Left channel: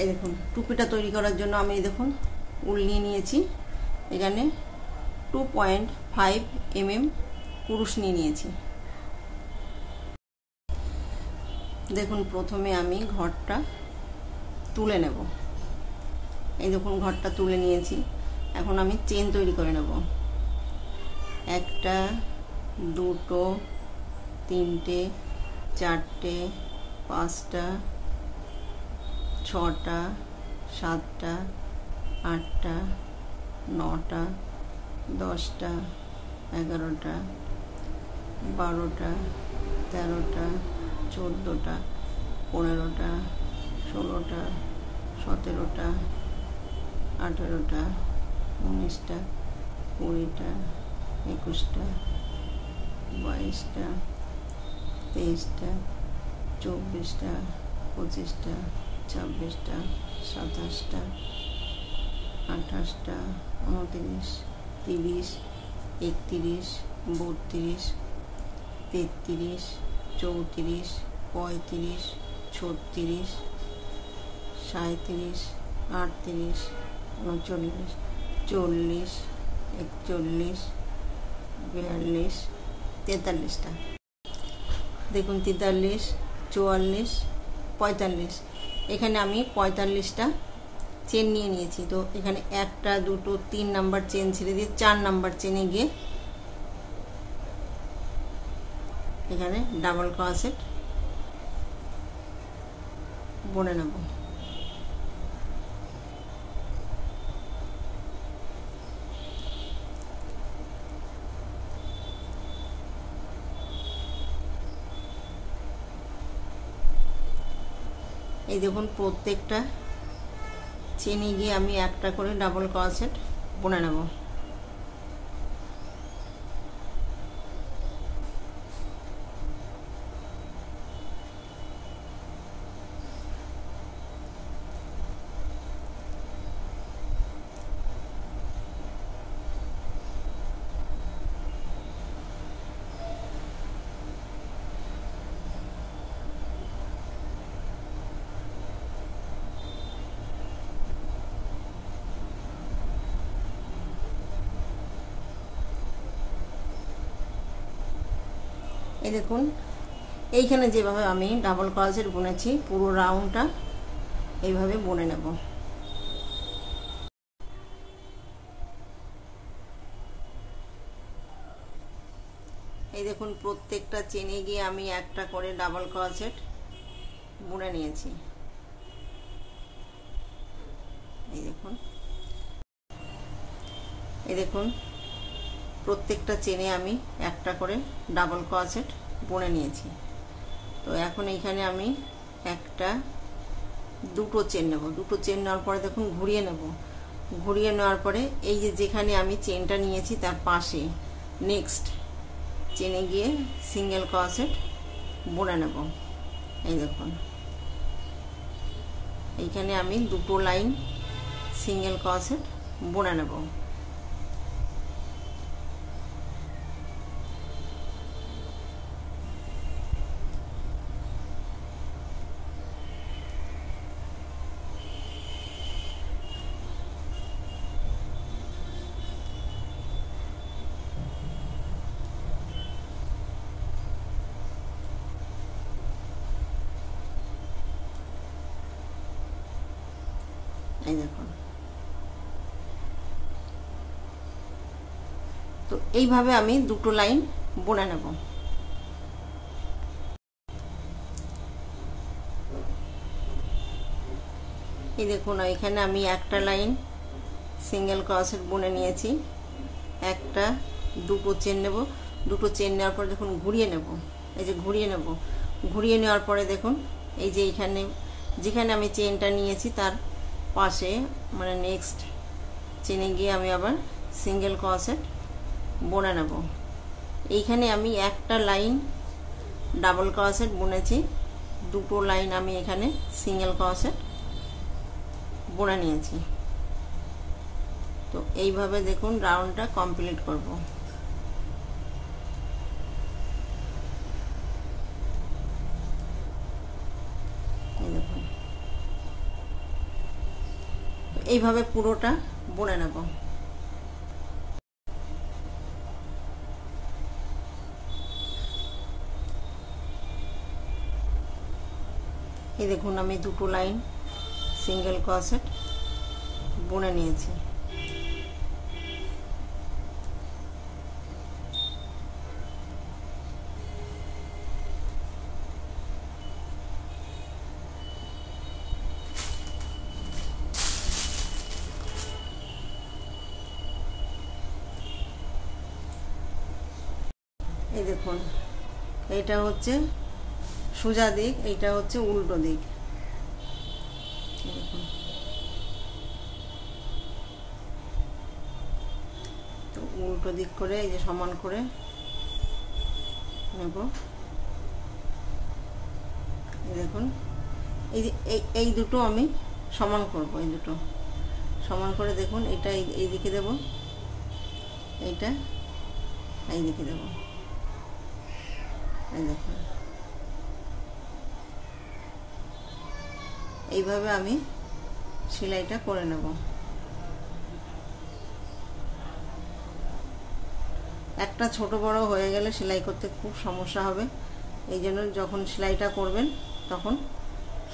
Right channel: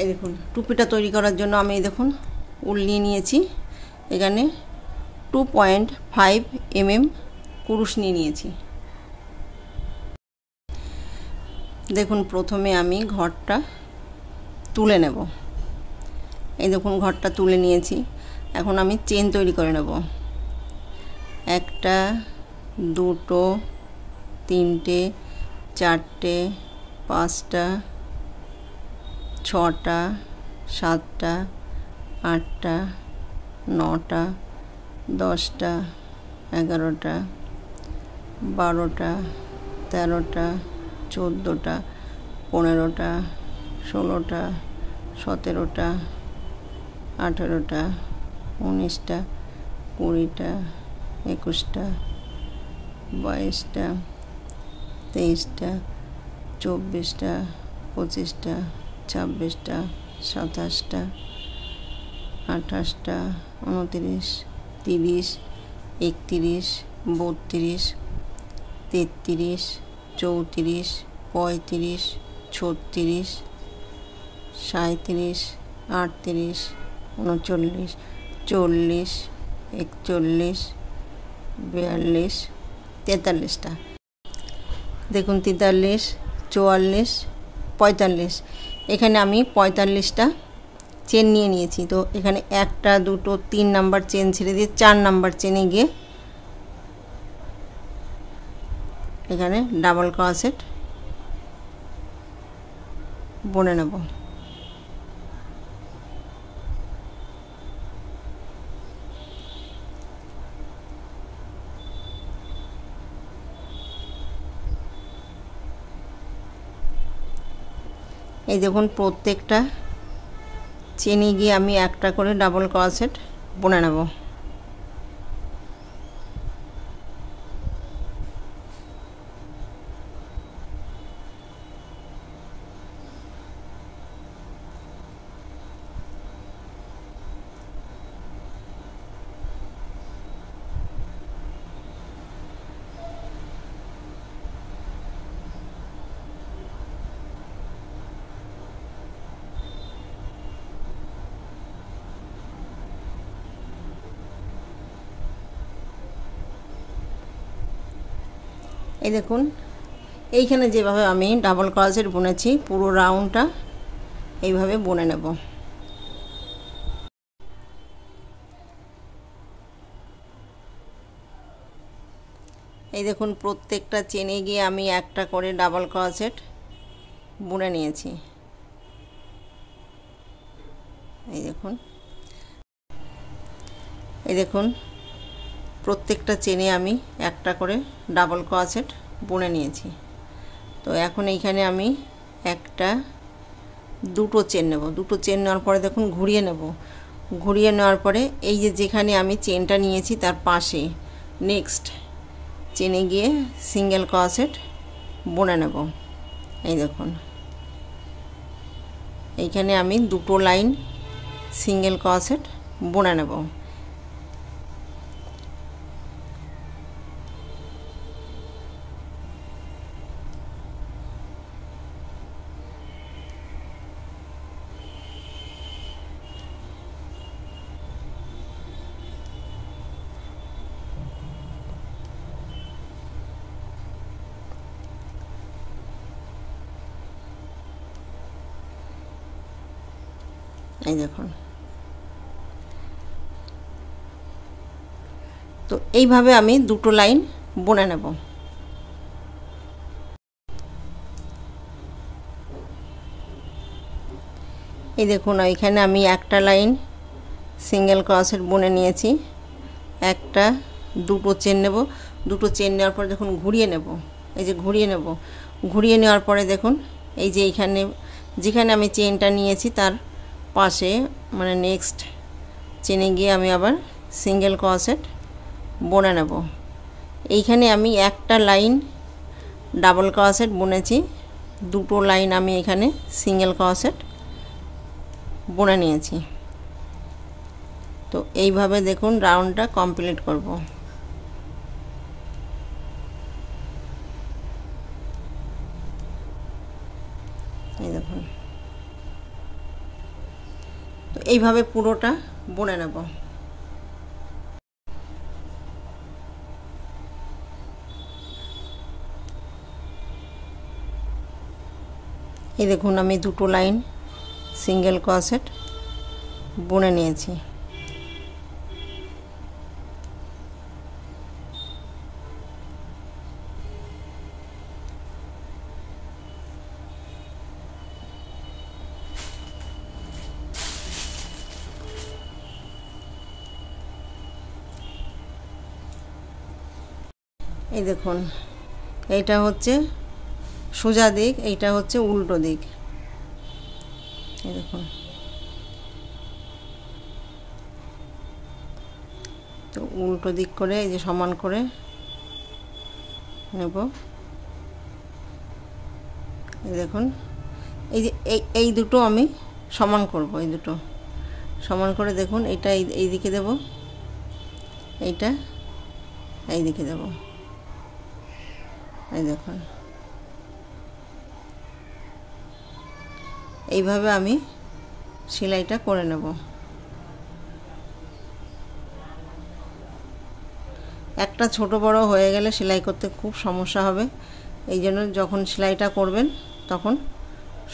এই দেখুন টুপিটা তৈরি করার জন্য আমি দেখুন উল নিয়ে নিয়েছি, এখানে 2.5 mm কুরুশ নিয়ে নিয়েছি। দেখুন প্রথমে আমি ঘরটা তুলে নেব। এই দেখুন ঘরটা তুলে নিয়েছি, এখন আমি চেন তৈরি করে নেব। একটা, দুটো, তিনটে, চারটে, পাঁচটা, ছটা, সাতটা, আটটা, নটা, 10টা, 11টা, 12টা, 13টা, 14টা, 15টা, 16টা, 17টা, 18টা, 19টা, 20টা, 21টা, 22টা, 23টা, 24টা, 25টা, 26টা, 27টা, 28টা, 29, 30, 31, 32, 33, 34, 35, 36, 37, 38, 39, 40, 41, 42, 43টা। দেখুন 43, 44, 45, এখানে আমি 45টা চেন নিয়ে নিয়েছি। তো এখানে 1টা, 2টো, 3 নাম্বার চেন ছেড়ে দিয়ে 4 নাম্বার চেনে গিয়ে এখানে ডাবল ক্রোশেট বুনে নেব। এই দেখুন প্রত্যেকটা চেনে গিয়ে আমি একটা করে ডাবল ক্রোশেট বুনে নেব। এই দেখুন এইখানে যেভাবে আমি ডাবল ক্রোশেট বুনেছি পুরো রাউন্ডটা এইভাবে বুনে নেব। এই দেখুন প্রত্যেকটা চেনে গিয়ে আমি একটা করে ডাবল ক্রোশেট বুনে নিয়েছি। এই দেখুন প্রত্যেকটা চেনে আমি একটা করে ডাবল ক্রোশেট বুনে নিয়েছি। তো এখন এইখানে আমি একটা, দুটো চেন নেব। দুটো চেন নেওয়ার পরে দেখুন ঘুরিয়ে নেব। ঘুরিয়ে নেওয়ার পরে এই যে যেখানে আমি চেনটা নিয়েছি তার পাশে নেক্সট চেনে গিয়ে সিঙ্গেল ক্রোশেট বুনে নেব। এই দেখুন এইখানে আমি দুটো লাইন সিঙ্গেল ক্রোশেট বুনে নেব। এই দেখুন তো এইভাবে আমি দুটো লাইন বুনে নেব। এই দেখুন এখানে আমি একটা লাইন সিঙ্গেল ক্রোশেট বুনে নিয়েছি। একটা, দুটো চেন নেব। দুটো চেন নেওয়ার পর দেখুন ঘুরিয়ে নেব। এই যে ঘুরিয়ে নেব। ঘুরিয়ে নেওয়ার পরে দেখুন এই যে এইখানে যেখানে আমি চেনটা নিয়েছি তার পাশে মানে নেক্সট চেনে গিয়ে আমি আবার সিঙ্গেল ক্রোশেট বুনে নেব। এইখানে আমি একটা লাইন ডাবল ক্রোশেট বুনেছি, দুটো লাইন আমি এখানে সিঙ্গেল ক্রোশেট বুনে নিয়েছি। তো এইভাবে দেখুন রাউন্ডটা কমপ্লিট করব। এই দেখুন এইভাবে পুরোটা বুনে নেব। এই দেখুন আমি দুটো লাইন সিঙ্গেল ক্রোশেট বুনে নিয়েছি। এই দেখুন এইটা হচ্ছে সোজা দিক, এইটা হচ্ছে উল্টো দিক। এই দেখুন, তো উল্টো দিক করে এই যে সমান করে নেব। এই দেখুন এই যে এই দুটো আমি সমান করব, এই দুটো সমান করে দেখুন এটা এই দিকে দেব, এইটা এই দিকে দেব। এই দেখুন এইভাবে আমি সেলাইটা করে নেব। একটা ছোট বড় হয়ে গেলে সেলাই করতে খুব সমস্যা হবে, এই জন্য যখন সেলাইটা করবেন তখন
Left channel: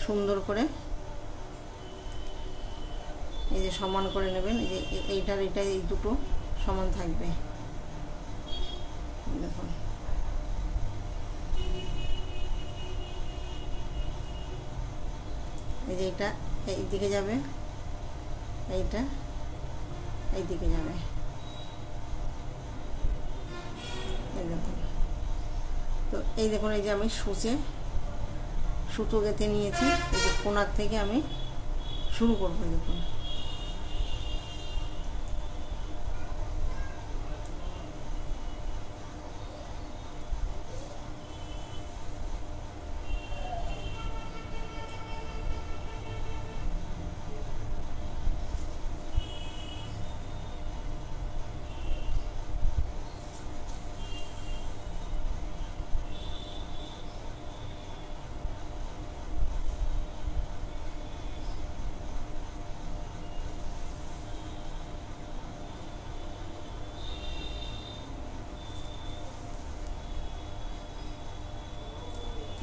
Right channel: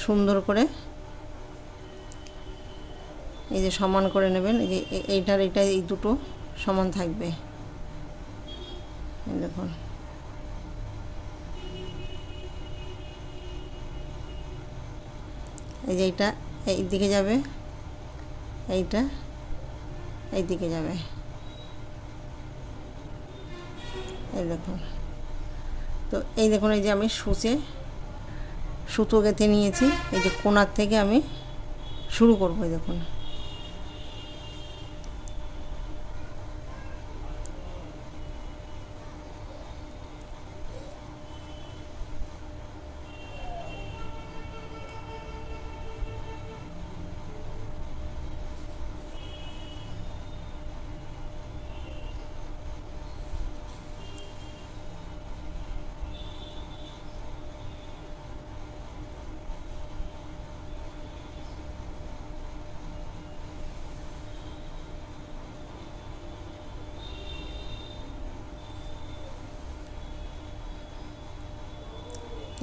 সুন্দর করে এই যে সমান করে নেবেন। এই যে এইটার এটা এই দুটো সমান থাকবে। দেখুন এই যে এইটা এই দিকে যাবে, এইটা এই দিকে যাবে। এই দেখুন, তো এই দেখুন এই যে আমি সুতো গেঁথে নিয়েছি। এই যে কোণার থেকে আমি শুরু করবো। দেখুন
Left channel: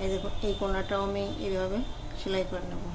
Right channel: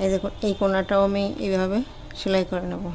এই দেখুন এই কোণাটাও আমি এইভাবে সেলাই করে নেব।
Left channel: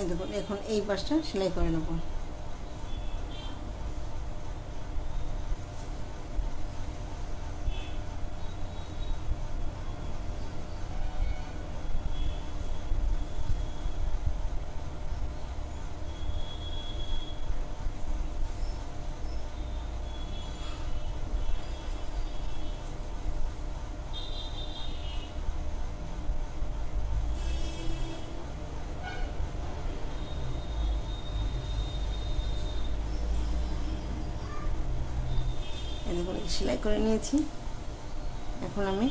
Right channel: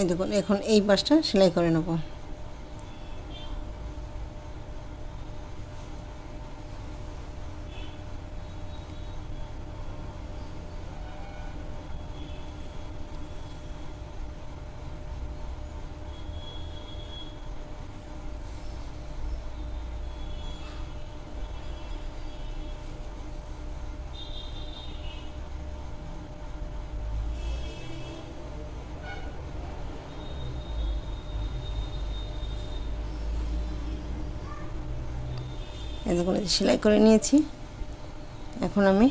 এই দেখুন এখন এই পাশটা সেলাই করে নেব। এই দেখুন সেলাই করে নিয়েছি। এখন আমি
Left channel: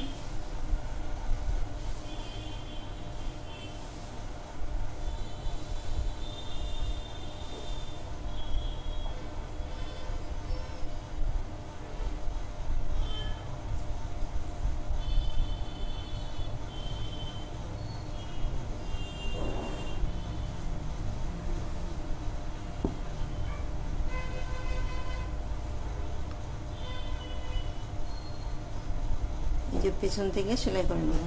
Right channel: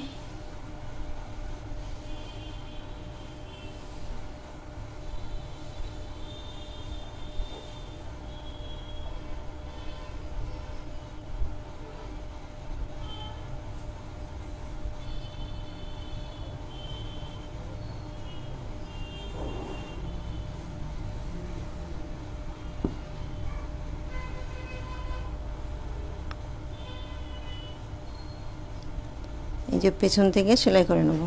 এই যে পেছন থেকে সেলাই করে নেব।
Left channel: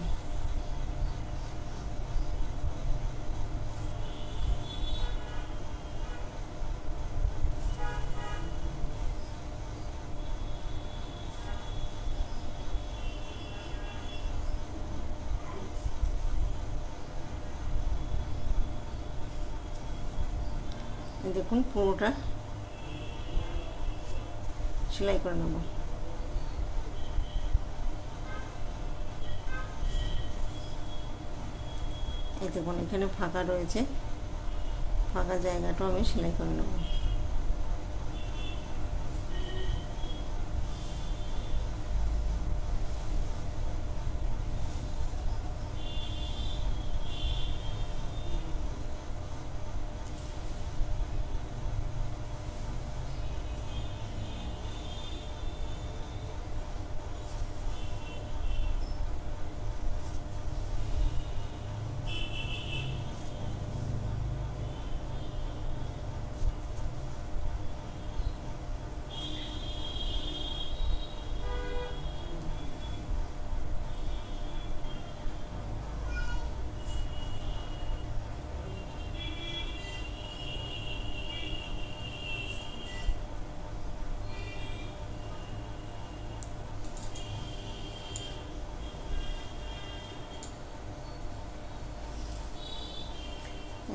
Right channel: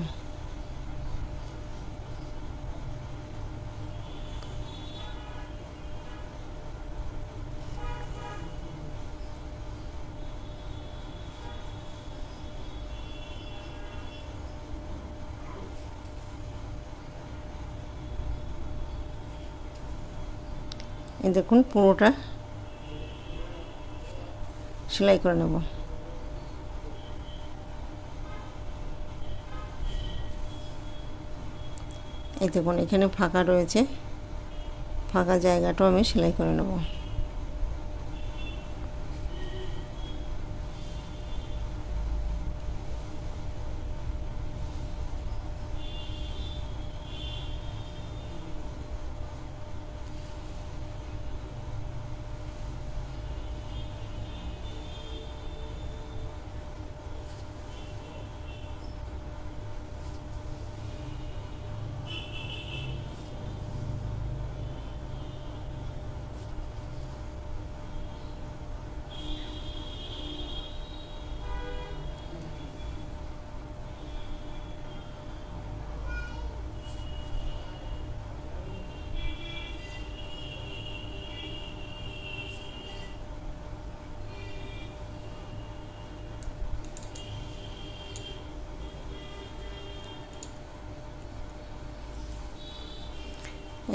এই দেখুন পুরোটা সেলাই করে নেব। এই দেখুন এখানে ফাঁকা রয়েছে, ফাঁকা জায়গাটাও আমি সেলাই করে নেব।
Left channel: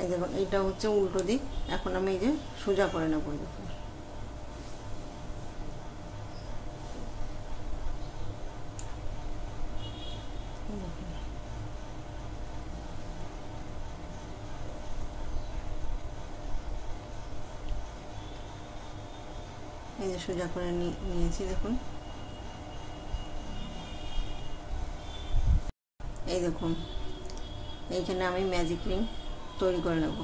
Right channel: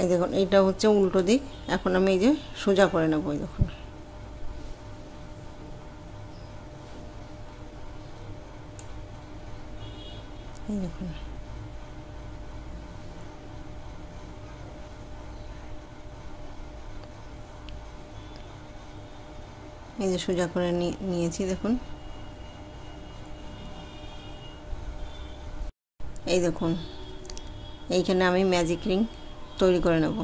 এই দেখুন এইটা হচ্ছে উল্টো দিক। এখন আমি এই যে সোজা করে নেব। এই দেখুন এই যে সোজা করে নিয়েছি। দেখুন এই দেখুন এইখানে আমি ম্যাজিক রিং তৈরি করে নেব।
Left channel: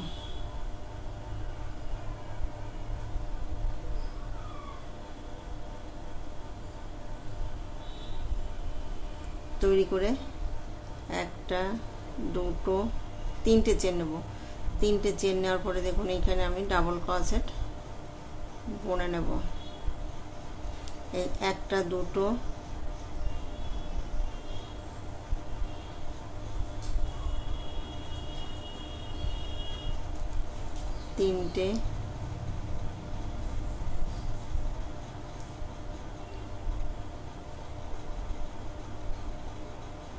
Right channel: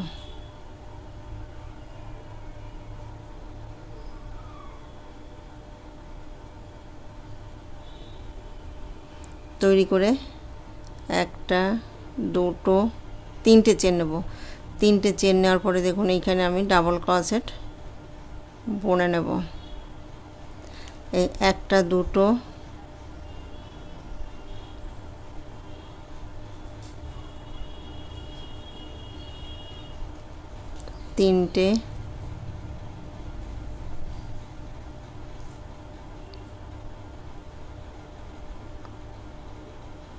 তৈরি করে একটা, দুটো, তিনটে চেন নেব। তিনটে চেন নেওয়ার পরে দেখুন এইখানে আমি ডাবল ক্রোশেট বুনে নেব। এই একটা, দুটো, তিনটে,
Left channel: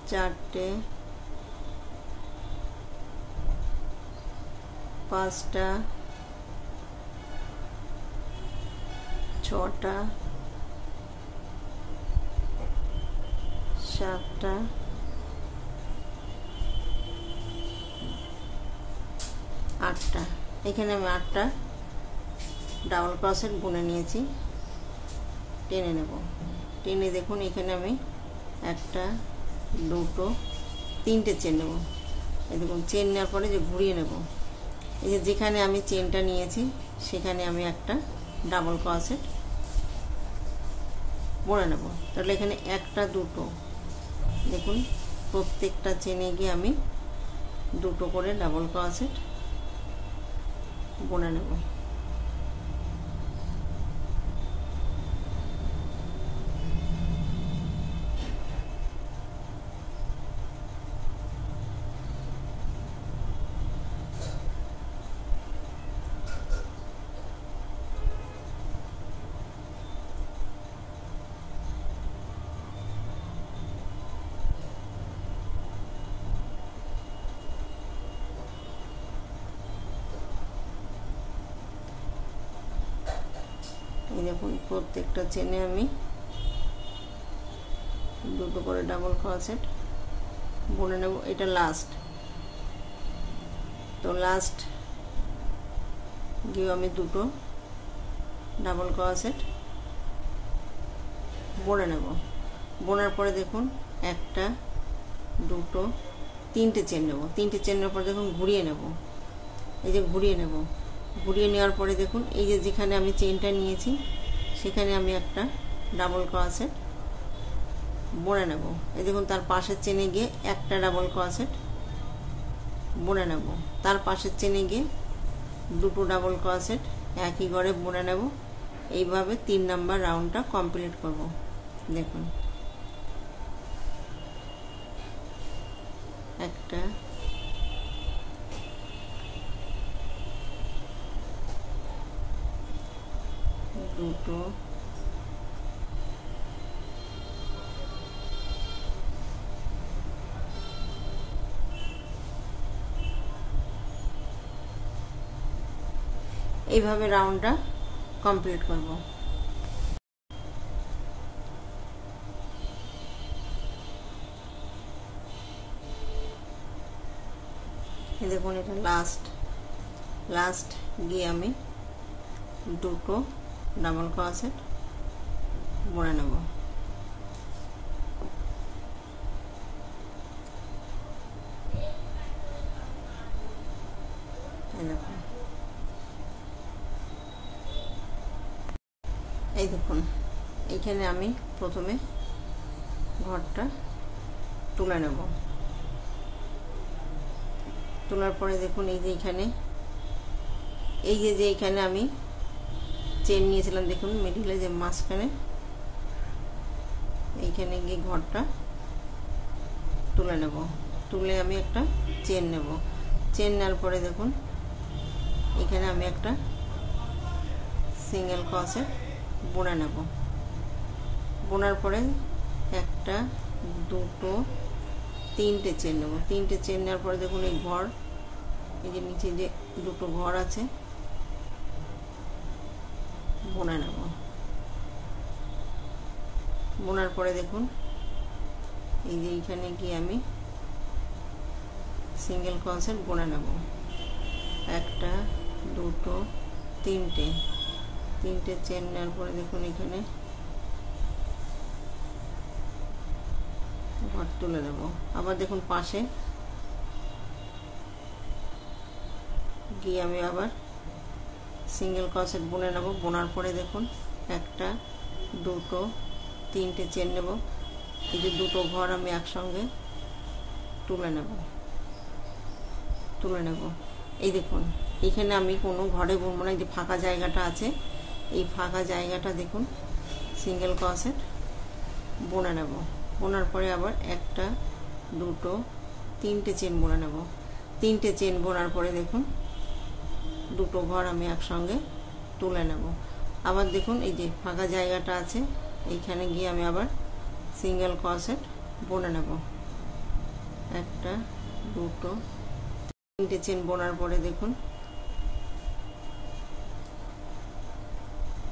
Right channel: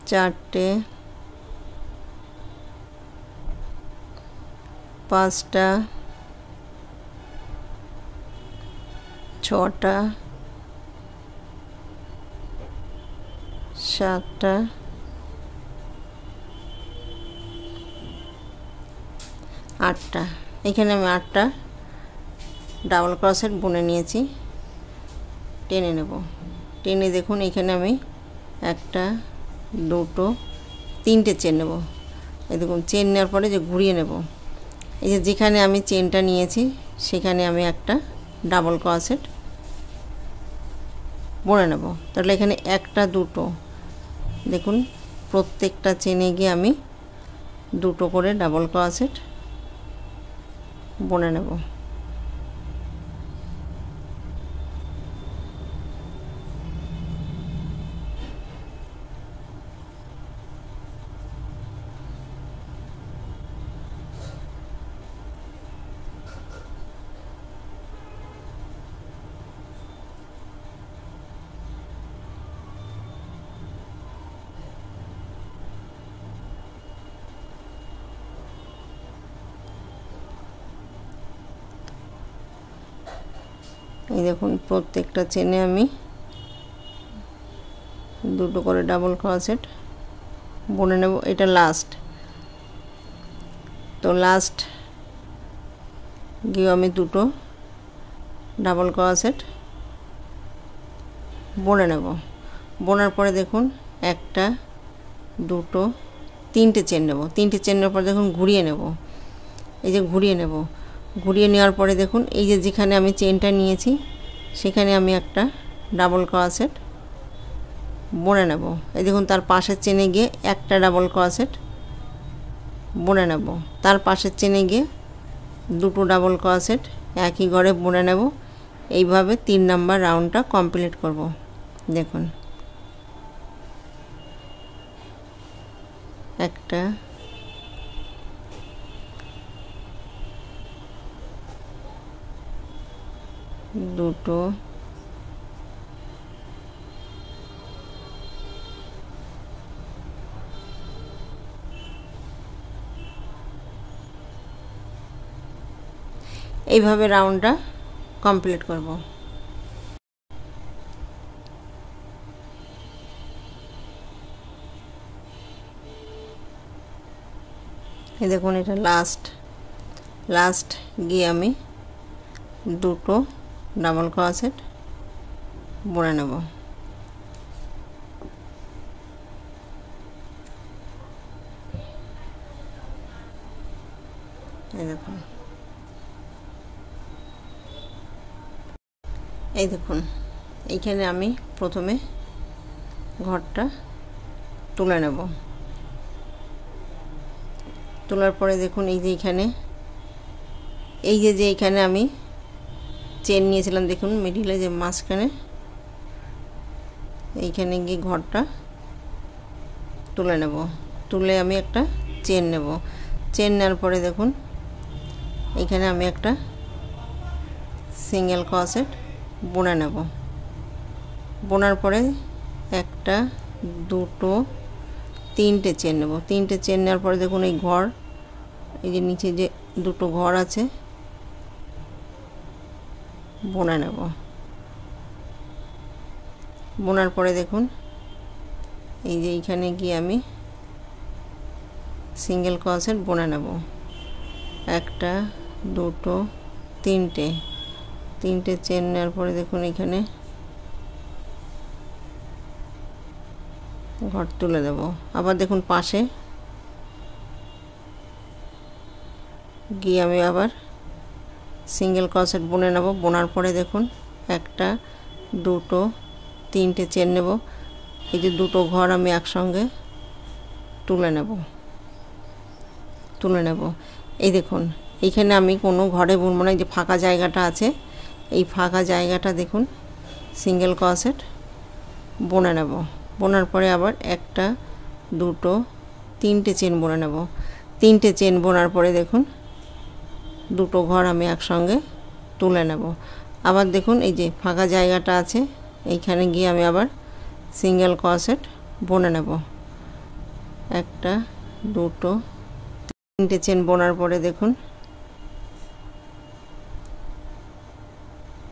চারটে, পাঁচটা, ছটা, সাতটা, আটটা। এখানে আমি আটটা ডাবল ক্রোশেট বুনে নিয়েছি। টেনে নেব। টেনে দেখুন এখানে আমি একটা, দুটো, তিনটে চেন নেব। এই দেখুন চেন নেওয়ার পরে যে ঘুরিয়ে নেব। এই যে যেখানে আমি চেনটা নিয়েছি সেখানে আমি একটা ডাবল ক্রোশেট বুনে নেব। তাহলে এখানে একটা, দুটো, দেখুন প্রত্যেকটা চেনে গিয়ে আমি দুটো করে ডাবল ক্রোশেট বুনে নেব। এই দেখুন প্রত্যেকটা চেনে আমি দুটো করে ডাবল ক্রোশেট বুনে নেব। এটা লাস্ট, তো লাস্ট গিয়ে আমি দুটো ডাবল ক্রোশেট বুনে নেব। বোনার পরে দেখুন একটা, দুটো, তিনটে চেন নেব। তিনটে চেন নেওয়ার পরে দেখুন ঘুরিয়ে নেব। এই যে ঘুরিয়ে নেব। ঘুরিয়ে নেওয়ার পরে দেখুন এই যে যেখানে আমি চেনটা নিয়েছি সেখানে আমি একটা ডাবল ক্রোশেট বুনে নেব। এই দেখুন তার পাশের চেনে গিয়ে একটা ডাবল ক্রোশেট বুনে নেব। তার পাশের চেনে গিয়ে দুটো ডাবল ক্রোশেট একই ঘরে বুনে নেব। এইভাবে 3 নাম্বার রাউন্ডটা কমপ্লিট করব। দেখুন একটা, দুটো, এইভাবে রাউন্ডটা কমপ্লিট করব। এই দেখুন এটা লাস্ট গিয়ে আমি দুটো ডাবল ক্রোশেট বুনে নেব। এই দেখুন এইখানে আমি প্রথমে ঘরটা তুলে নেব। তোলার পরে দেখুন এই যে এইখানে আমি চেন নিয়েছিলাম, দেখুন মিডিলে যে মাঝখানে এইখানে গিয়ে ঘরটা তুলে নেব। তুলে আমি একটা চেন নেব। চেন নেওয়ার পরে দেখুন এখানে আমি একটা সিঙ্গেল ক্রোশেট বুনে নেব। বোনার পরে একটা দুটো তিনটে চেন নেব। তিনটে চেন নেওয়ার পরে দেখুন এই ঘর, এই যে নিচে যে দুটো ঘর আছে বুনে নেব। বোনার পরে দেখুন এই যে এইখানে গিয়ে আমি সিঙ্গেল ক্রোশেট বুনে নেব। একটা দুটো তিনটে চেন নেওয়ার পরে দেখুন এখানে ঘর তুলে দেব। আবার দেখুন পাশে গিয়ে আমি আবার সিঙ্গেল ক্রোশেট বুনে নেব। বোনার পরে দেখুন একটা দুটো তিনটে চেন নেব। এই যে দুটো ঘর আমি একসঙ্গে তুলে নেব। এই দেখুন এইখানে আমি কোনো ঘরে বুনবো না, এই যে ফাঁকা জায়গাটা আছে এই ফাঁকা জায়গাটা দেখুন সিঙ্গেল ক্রোশেট বুনে নেব। বোনার পরে আবার একটা দুটো তিনটে চেন বুনে নেব। তিনটে চেন বোনার পরে দেখুন দুটো ঘর আমি একসঙ্গে তুলে নেব। আবার দেখুন এই যে ফাঁকা জায়গাটা আছে এইখানে গিয়ে আমি আবার সিঙ্গেল ক্রোশেট বুনে নেব। একটা দুটো তিনটে চেন বোনার পরে দেখুন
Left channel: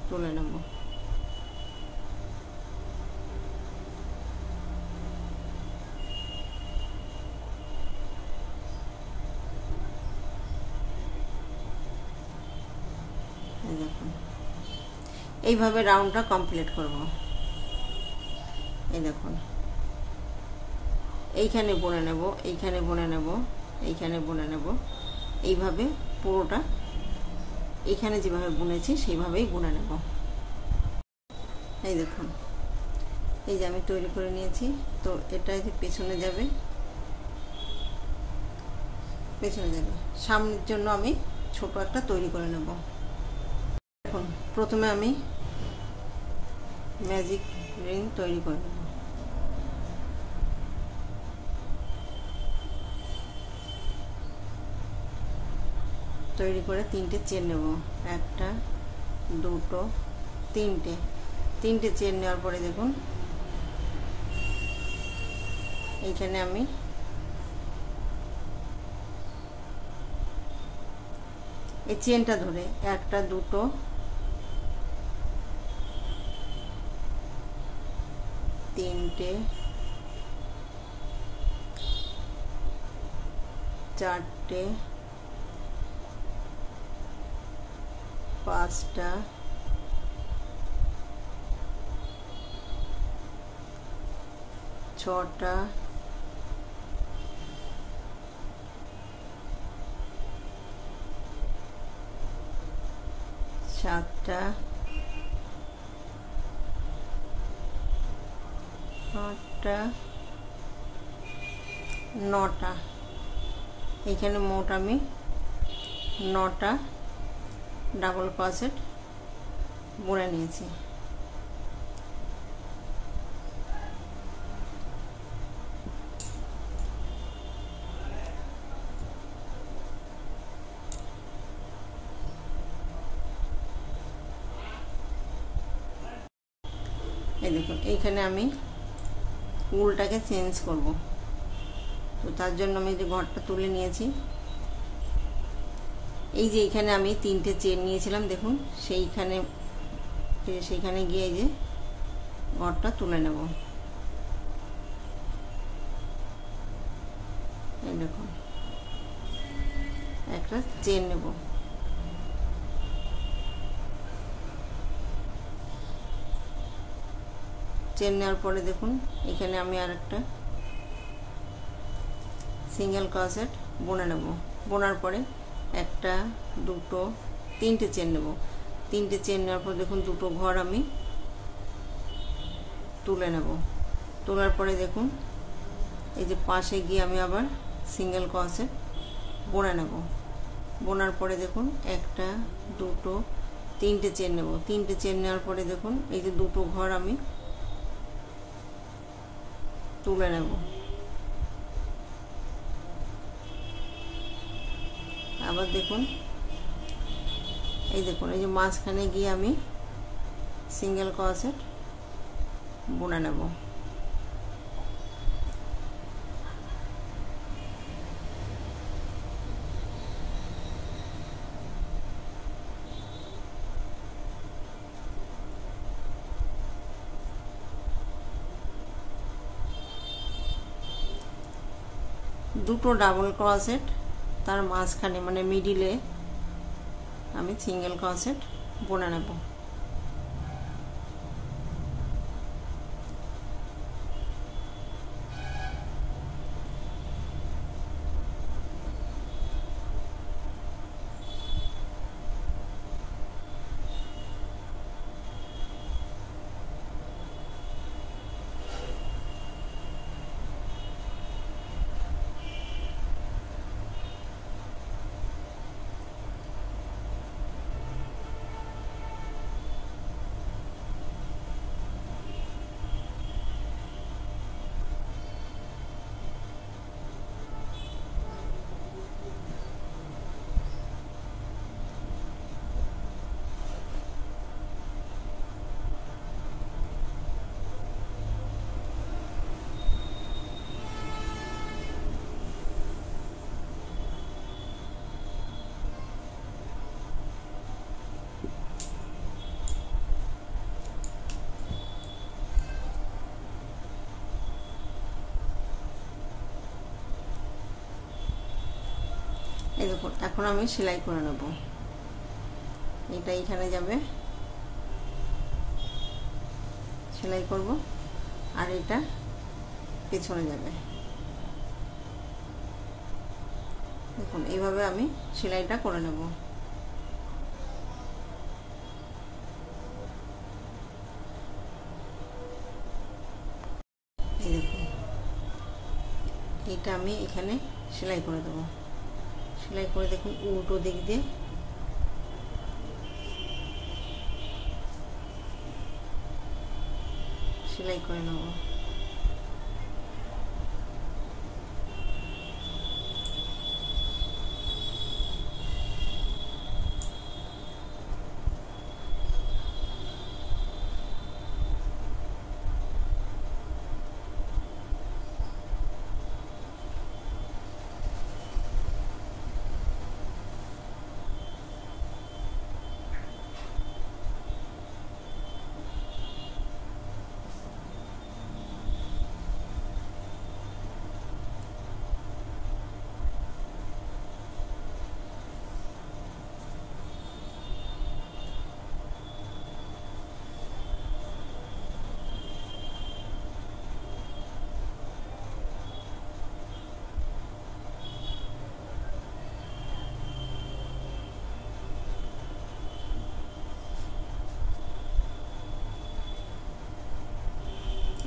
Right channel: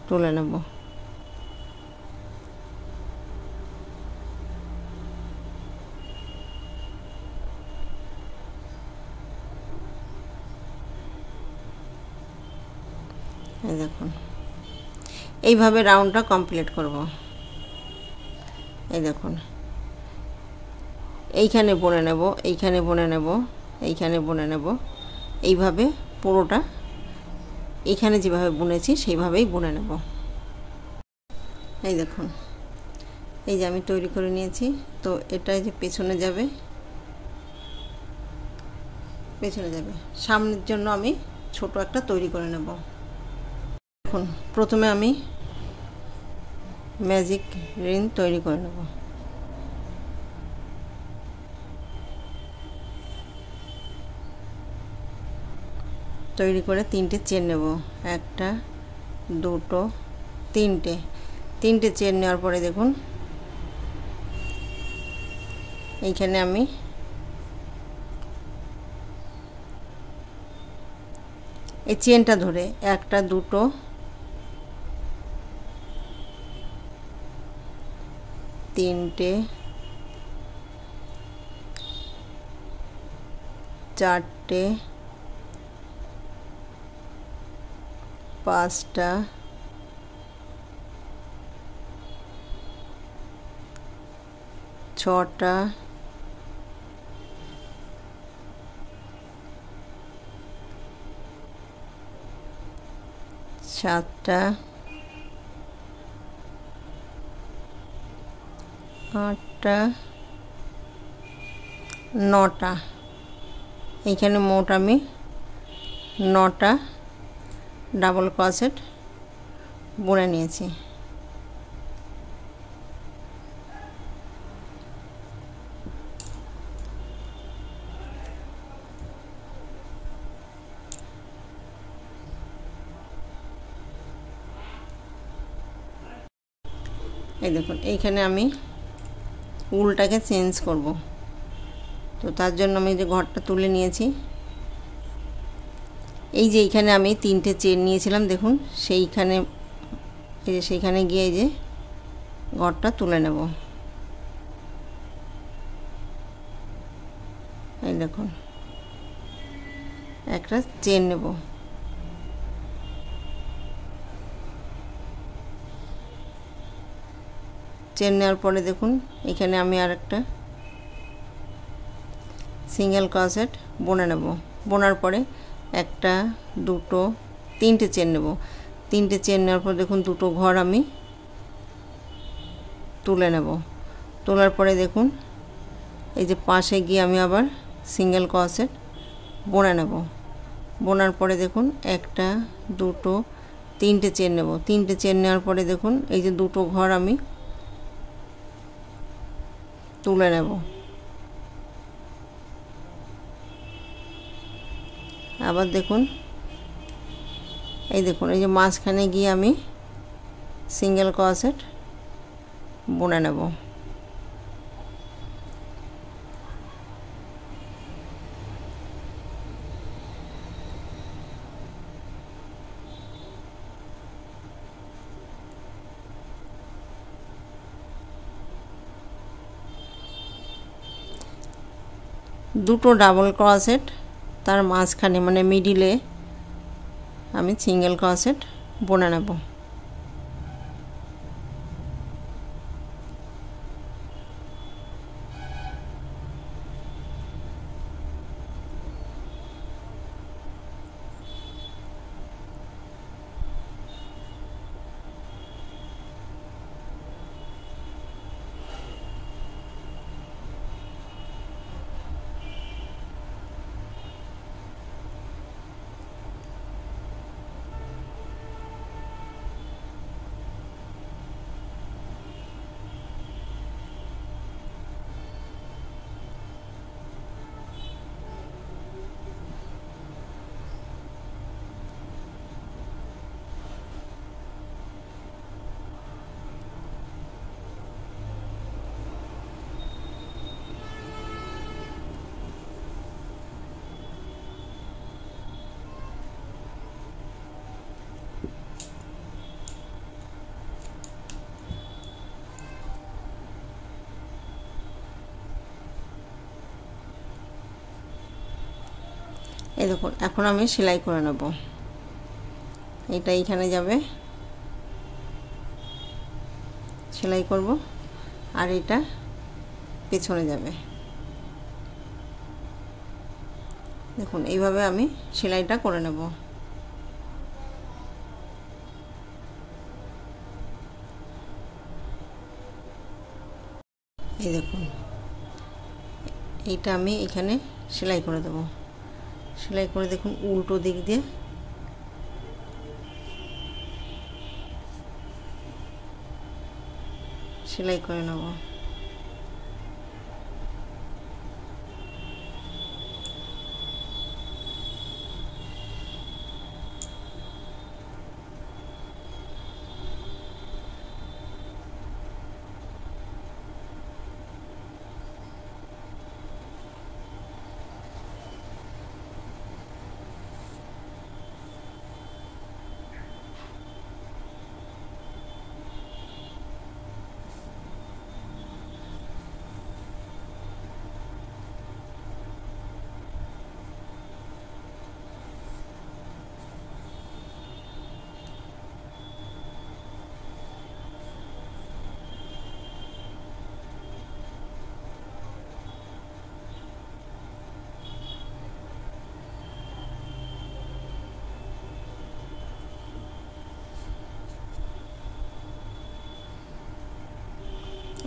তুলে নেব। এই দেখুন এইভাবে রাউন্ডটা কমপ্লিট করব। এই দেখুন এইখানে বুনে নেব, এইখানে বুনে নেব, এইখানে বুনে নেব, এইভাবে পুরোটা এইখানে যেভাবে বুনেছি সেইভাবেই বুনে নেব। এই দেখুন এই যে আমি তৈরি করে নিয়েছি। তো এটাই যে পেছনে যাবে, সামনের জন্য আমি ছোট একটা তৈরি করে নেব। দেখুন প্রথমে আমি ম্যাজিক রিং তৈরি করে নেব। তৈরি করে তিনটে চেন নেব। একটা দুটো তিনটে চেন নেওয়ার পরে দেখুন এইখানে আমি এই চেনটা ধরে একটা দুটো তিনটে চারটে পাঁচটা ছটা সাতটা আটটা নটা। এইখানে মোট আমি 9টা ডাবল ক্রোশেট বুনে নিয়েছি। এই দেখুন এইখানে আমি উলটাকে চেঞ্জ করব। তো তার জন্য আমি যে ঘরটা তুলে নিয়েছি এই যে এইখানে আমি 3টে চেন নিয়েছিলাম, দেখুন সেইখানে সেইখানে গিয়ে এই যে ঘরটা তুলে নেব। এই দেখুন একটা চেন নেব, চেন নেওয়ার পরে দেখুন এখানে আমি আর একটা সিঙ্গেল ক্রোশেট বুনে নেব। বোনার পরে একটা, দুটো, 3টে চেন নেব। 3টে চেন নেওয়ার পর দেখুন দুটো ঘর আমি তুলে নেব। তোলার পরে দেখুন এই যে পাশে গিয়ে আমি আবার সিঙ্গেল ক্রোশেট বুনে নেব। বোনার পরে দেখুন একটা, দুটো, 3টে চেন নেব। 3টে চেন নেওয়ার পরে দেখুন এই যে দুটো ঘর আমি তুলে নেব। আবার দেখুন এই দেখুন এই যে মাঝখানে গিয়ে আমি সিঙ্গেল ক্রোশেট বুনে নেব। দুটো ডাবল ক্রোশেট তার মাঝখানে মানে মিডিলে আমি সিঙ্গেল ক্রোশেট বুনে নেব। এই দেখুন এখন আমি সেলাই করে নেব। এটা এইখানে যাবে, সেলাই করব, আর এটা পেছনে যাবে। দেখুন এইভাবে আমি সেলাইটা করে নেব। এই দেখুন এইটা আমি এখানে সেলাই করে দেব। সেলাই করে দেখুন উল্টো দিক দিয়ে সেলাই করে নেব।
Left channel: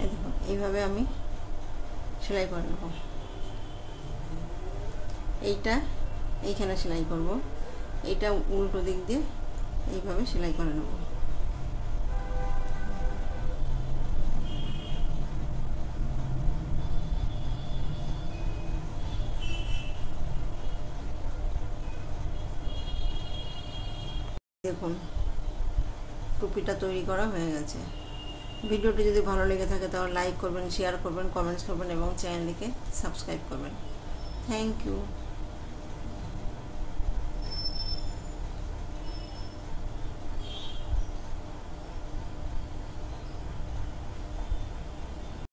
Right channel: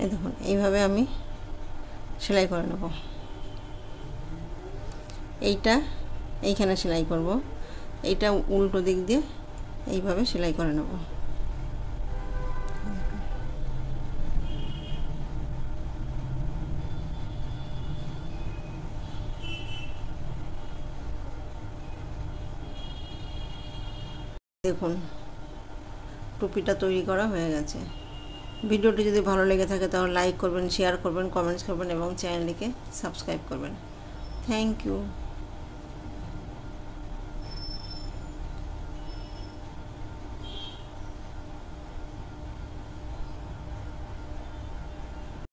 এই দেখুন এইভাবে আমি সেলাই করে নেব। এইটা এইখানে সেলাই করব, এইটা উল্টো দিক দিয়ে এইভাবে সেলাই করে নেব। দেখুন টুপিটা তৈরি করা হয়ে গেছে। ভিডিওটি যদি ভালো লেগে থাকে তাহলে লাইক করবেন, শেয়ার করবেন, কমেন্টস করবেন এবং চ্যানেলটিকে সাবস্ক্রাইব করবেন। Thank you.